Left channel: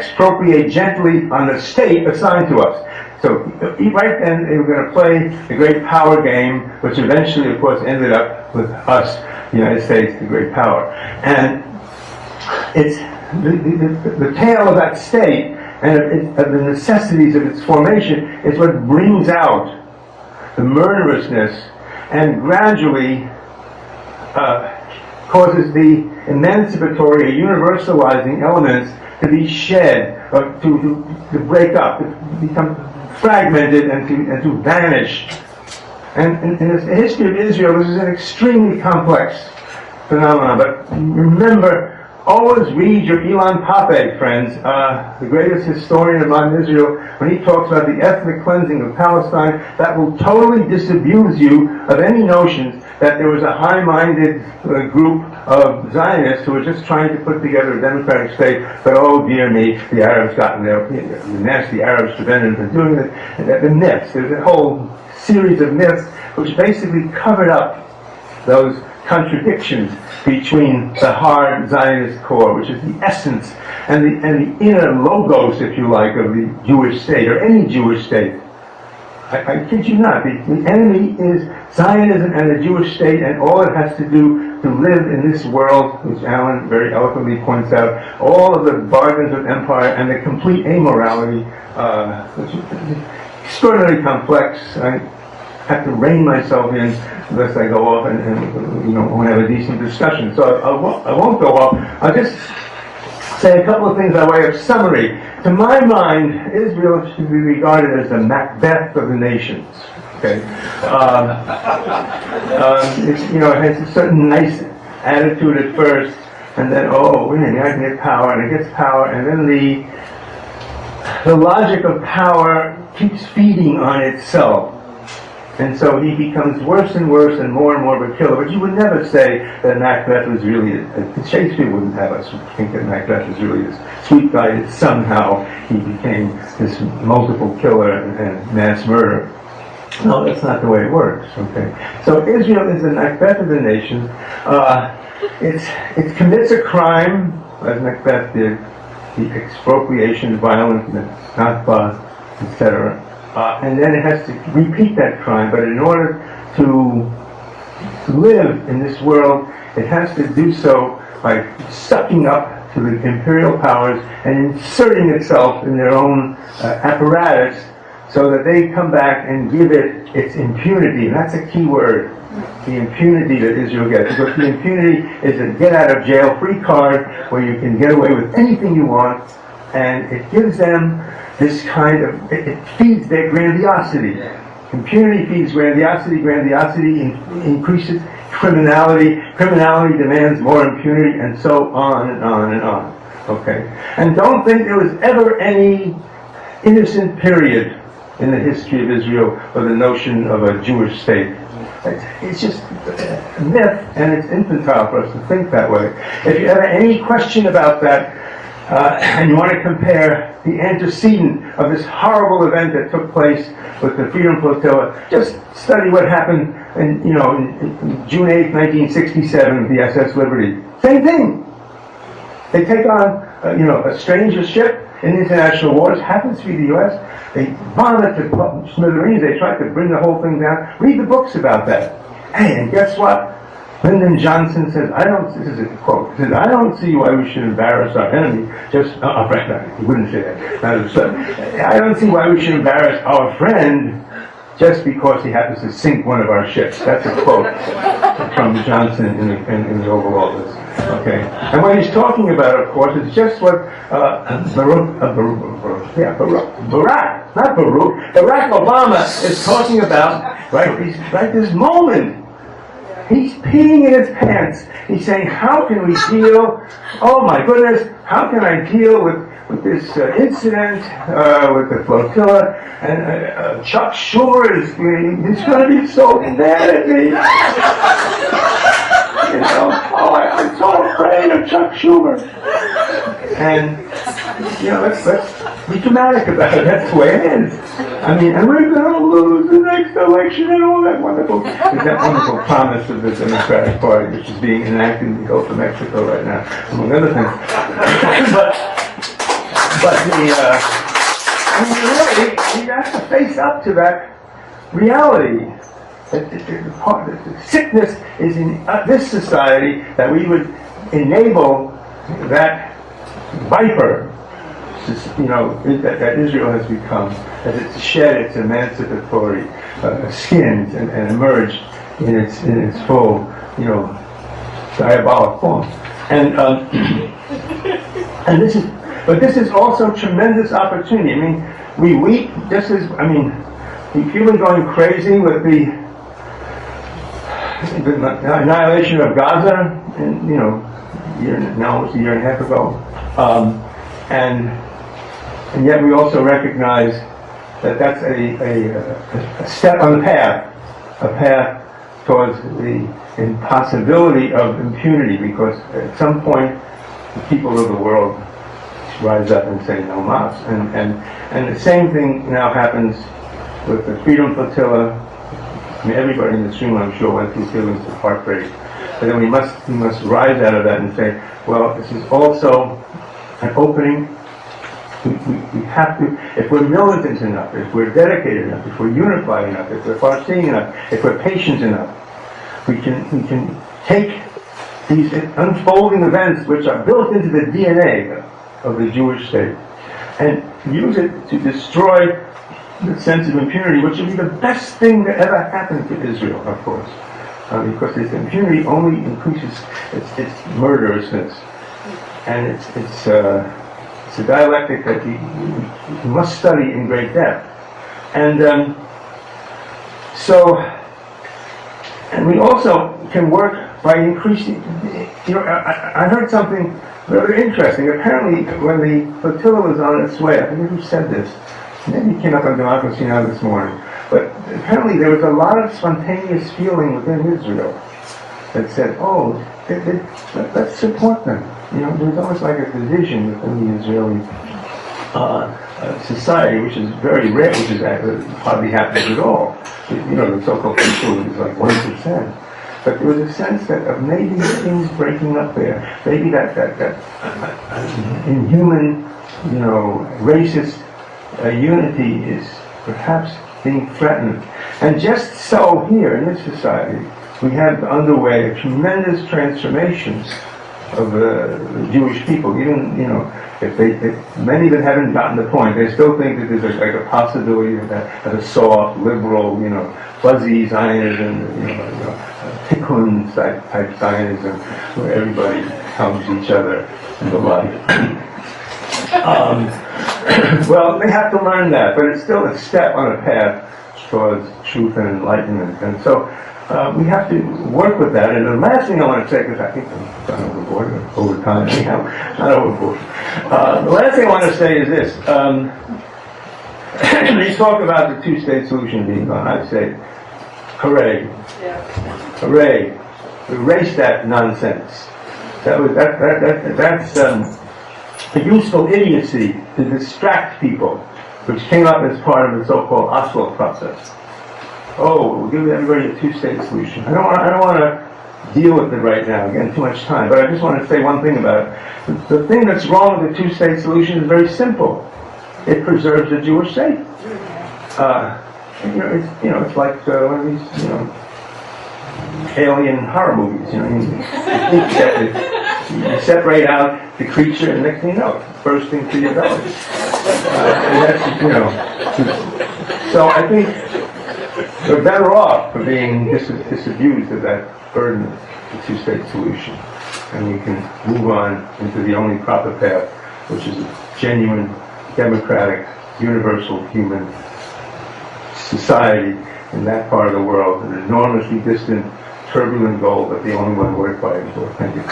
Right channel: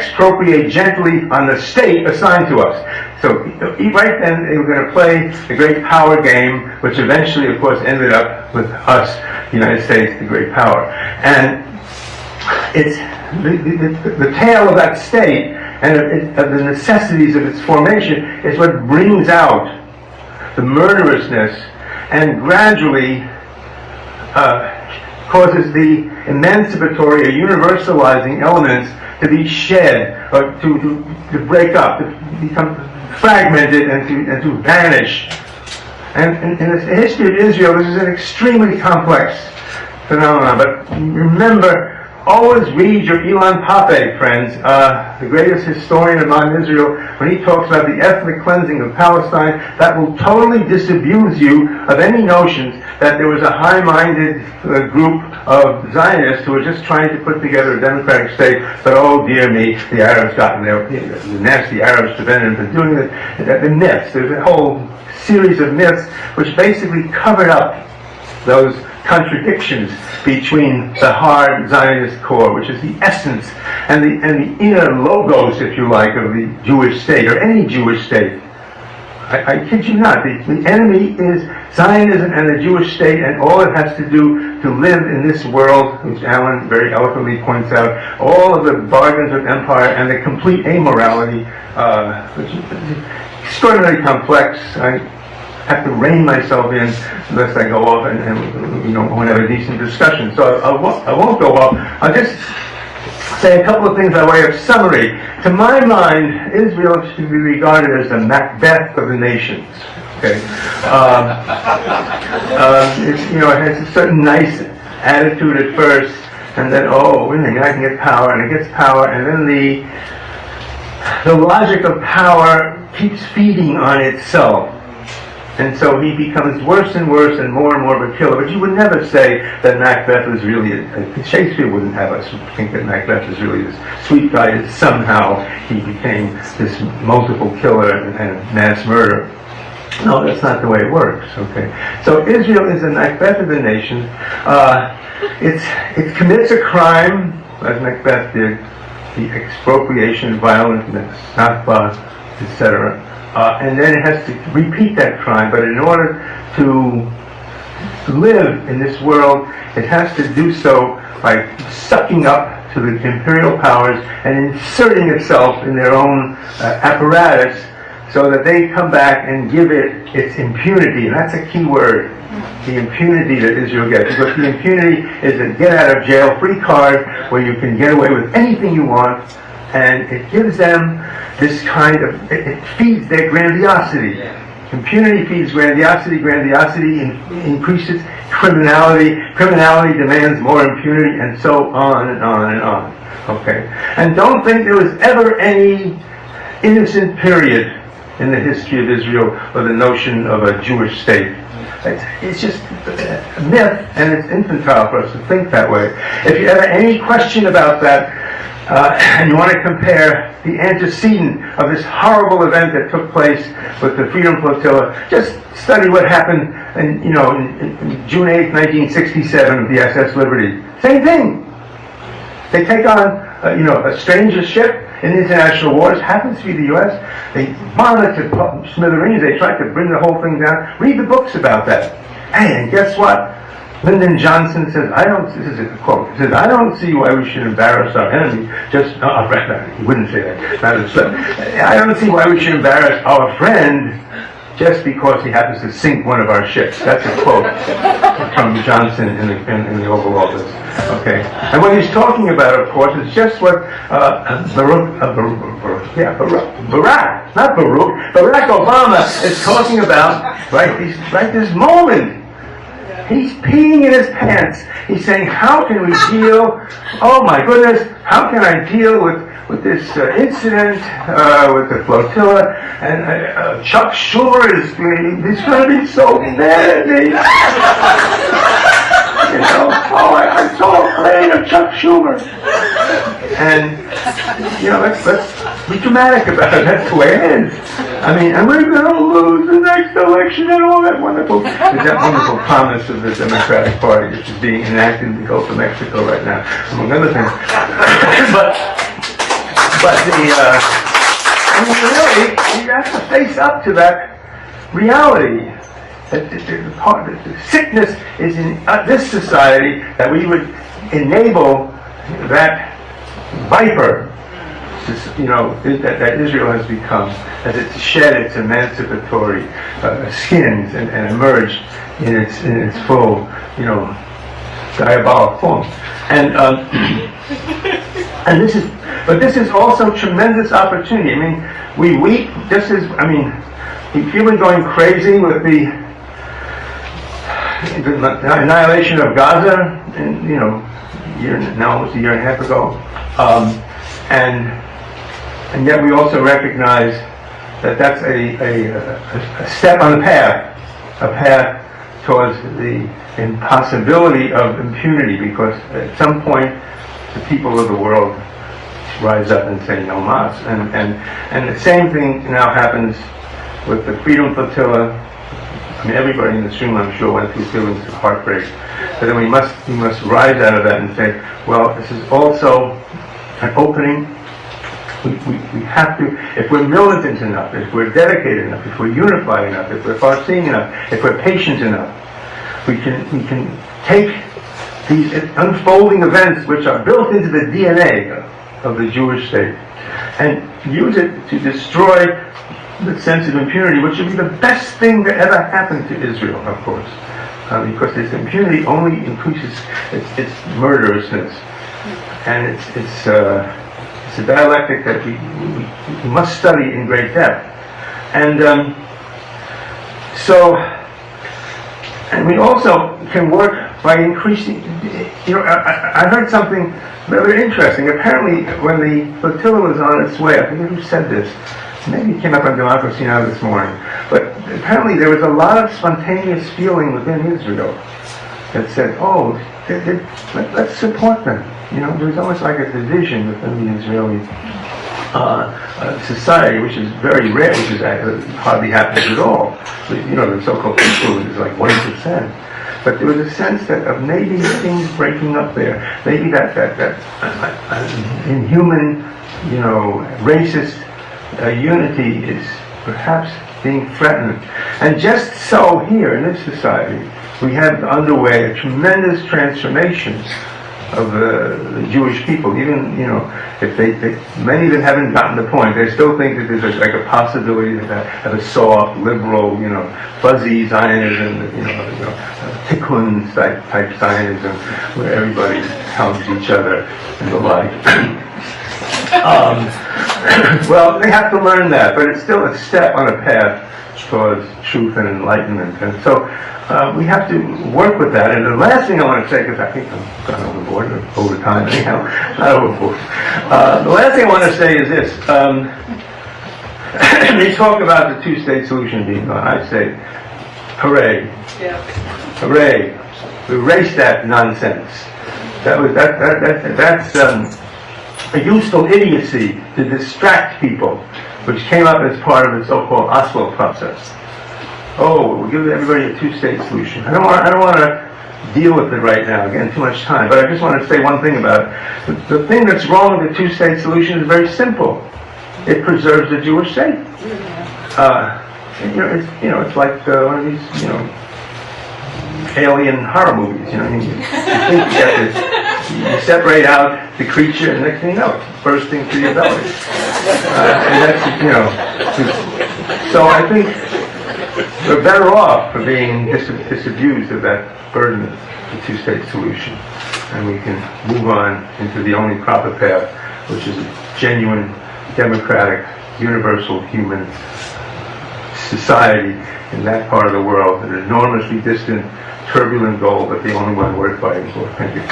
expropriate gently on the state assigned to us. So right then they were going to play the great power game, which eventually, of course, ended up with us, the United States, the great power. And it's the tale of that state and of the necessities of its formation is what brings out the murderousness and gradually causes the emancipatory or universalizing elements to be shed, or to break up, to become fragmented and to vanish. And in the history of Israel, this is an extremely complex phenomenon. But remember, always read your Ilan Pape, friends, the greatest historian of modern Israel, when he talks about the ethnic cleansing of Palestine. That will totally disabuse you of any notions that there was a high-minded group of Zionists who were just trying to put together a democratic state, but oh dear me, the Arabs got in there, the nasty Arabs prevented them from doing it. The myths, there's a whole series of myths which basically covered up those contradictions between the hard Zionist core, which is the essence and the inner logos, if you like, of the Jewish state, or any Jewish state. I kid you not. The enemy is Zionism and the Jewish state, and all it has to do to live in this world, which Alan very eloquently points out, all of the bargains of empire and the complete amorality, which is extraordinarily complex. I have to rein myself in unless I go off and won't have a decent discussion. So I won't go off. I'll just say a couple of things by way of summary. To my mind, Israel should be regarded as the Macbeth of the nations. Okay, it has a certain nice attitude at first, and then I can get power, and it gets power, and then the logic of power keeps feeding on itself. And so he becomes worse and worse and more of a killer. But you would never say that Macbeth was really Shakespeare wouldn't have us think that Macbeth was really this sweet guy that somehow he became this multiple killer and mass murderer. No, that's not the way it works, okay? So Israel is the Macbeth of the nations. It commits a crime, as Macbeth did, the expropriation, violence, Nakba, etc., and then it has to repeat that crime. But in order to live in this world, it has to do so by sucking up to the imperial powers and inserting itself in their own apparatus so that they come back and give it its impunity. And that's a key word, the impunity that Israel gets. Because the impunity is a get-out-of-jail-free card where you can get away with anything you want, and it gives them this kind of, it feeds their grandiosity. Impunity feeds grandiosity, grandiosity increases criminality, criminality demands more impunity, and so on and on and on. Okay? And don't think there was ever any innocent period in the history of Israel or the notion of a Jewish state. It's just a myth, and it's infantile for us to think that way. If you have any question about that, and you want to compare the antecedent of this horrible event that took place with the Freedom Flotilla, just study what happened in June 8, 1967 with the SS Liberty. Same thing. They take on a stranger ship in international waters, happens to be the U.S. They bomb it to smithereens. They try to bring the whole thing down. Read the books about that. Hey, and guess what? Lyndon Johnson says, this is a quote, he says, I don't see why we should embarrass our enemy, he wouldn't say that, I don't see why we should embarrass our friend just because he happens to sink one of our ships. That's a quote from Johnson in the Oval Office. Okay, and what he's talking about, of course, is just what Barack Obama is talking about right this moment. He's peeing in his pants. He's saying, how can we deal, oh my goodness, how can I deal with this incident with the flotilla? And Chuck Schumer he's going to be so mad at me. I'm so afraid of Chuck Schumer. And, let's be dramatic about it. That's the way it is. And we're going to lose the next election and all that wonderful promise of the Democratic Party, which is being enacted in the Gulf of Mexico right now, among other things. But I mean, really, you have to face up to that reality. The sickness is in this society, that we would enable that viper, that Israel has become, as it's shed its emancipatory skins and emerged in its full, diabolic form. And this is also tremendous opportunity. I mean, we weep just as, if you've been going crazy with the annihilation of Gaza, and almost a year and a half ago, and yet we also recognize that that's a step on the path, a path towards the impossibility of impunity, because at some point the people of the world rise up and say no mas. And the same thing now happens with the Freedom Flotilla. I mean, everybody in this room, I'm sure, went through feelings of heartbreak. But then we must rise out of that and say, well, this is also an opening. We have to, if we're militant enough, if we're dedicated enough, if we're unified enough, if we're far-seeing enough, if we're patient enough, we can take these unfolding events, which are built into the DNA of the Jewish state, and use it to destroy the sense of impunity, which would be the best thing that ever happened to Israel, of course, because this impunity only increases its murderousness, and it's a dialectic that we must study in great depth, and and we also can work by increasing. I heard something very interesting. Apparently, when the flotilla was on its way, I forget who said this. Maybe it came up on Democracy Now! This morning. But apparently there was a lot of spontaneous feeling within Israel that said, oh, let's support them. There was almost like a division within the Israeli society, which is very rare, which is hardly happens at all. The so-called people is like 1%. But there was a sense of maybe things breaking up there. Maybe that inhuman, racist unity is perhaps being threatened. And just so here in this society, we have underway a tremendous transformation of the Jewish people. Even, if many of them haven't gotten the point, they still think that there's like a possibility of a soft, liberal, fuzzy Zionism, Tikkun type Zionism, where everybody helps each other and the like. Well, they have to learn that, but it's still a step on a path towards truth and enlightenment. And so we have to work with that. And the last thing I want to say, because I think I've gone overboard, or over time anyhow, not overboard. The last thing I want to say is this. They talk about the two-state solution being gone. I say, hooray. Yeah. Hooray. Erase that nonsense. That's a useful idiocy to distract people, which came up as part of the so-called Oslo process. Oh, we'll give everybody a two-state solution. I don't want to deal with it right now. Again, too much time. But I just want to say one thing about it. The thing that's wrong with the two-state solution is very simple. It preserves the Jewish state. It's like one of these, alien horror movies. You separate out the creature, and the next thing you know, it's bursting through your belly. And that's, so I think we're better off for being disabused of that burden of the two-state solution, and we can move on into the only proper path, which is a genuine, democratic, universal human society in that part of the world, an enormously distant, turbulent goal, but the only one worth fighting for. Thank you.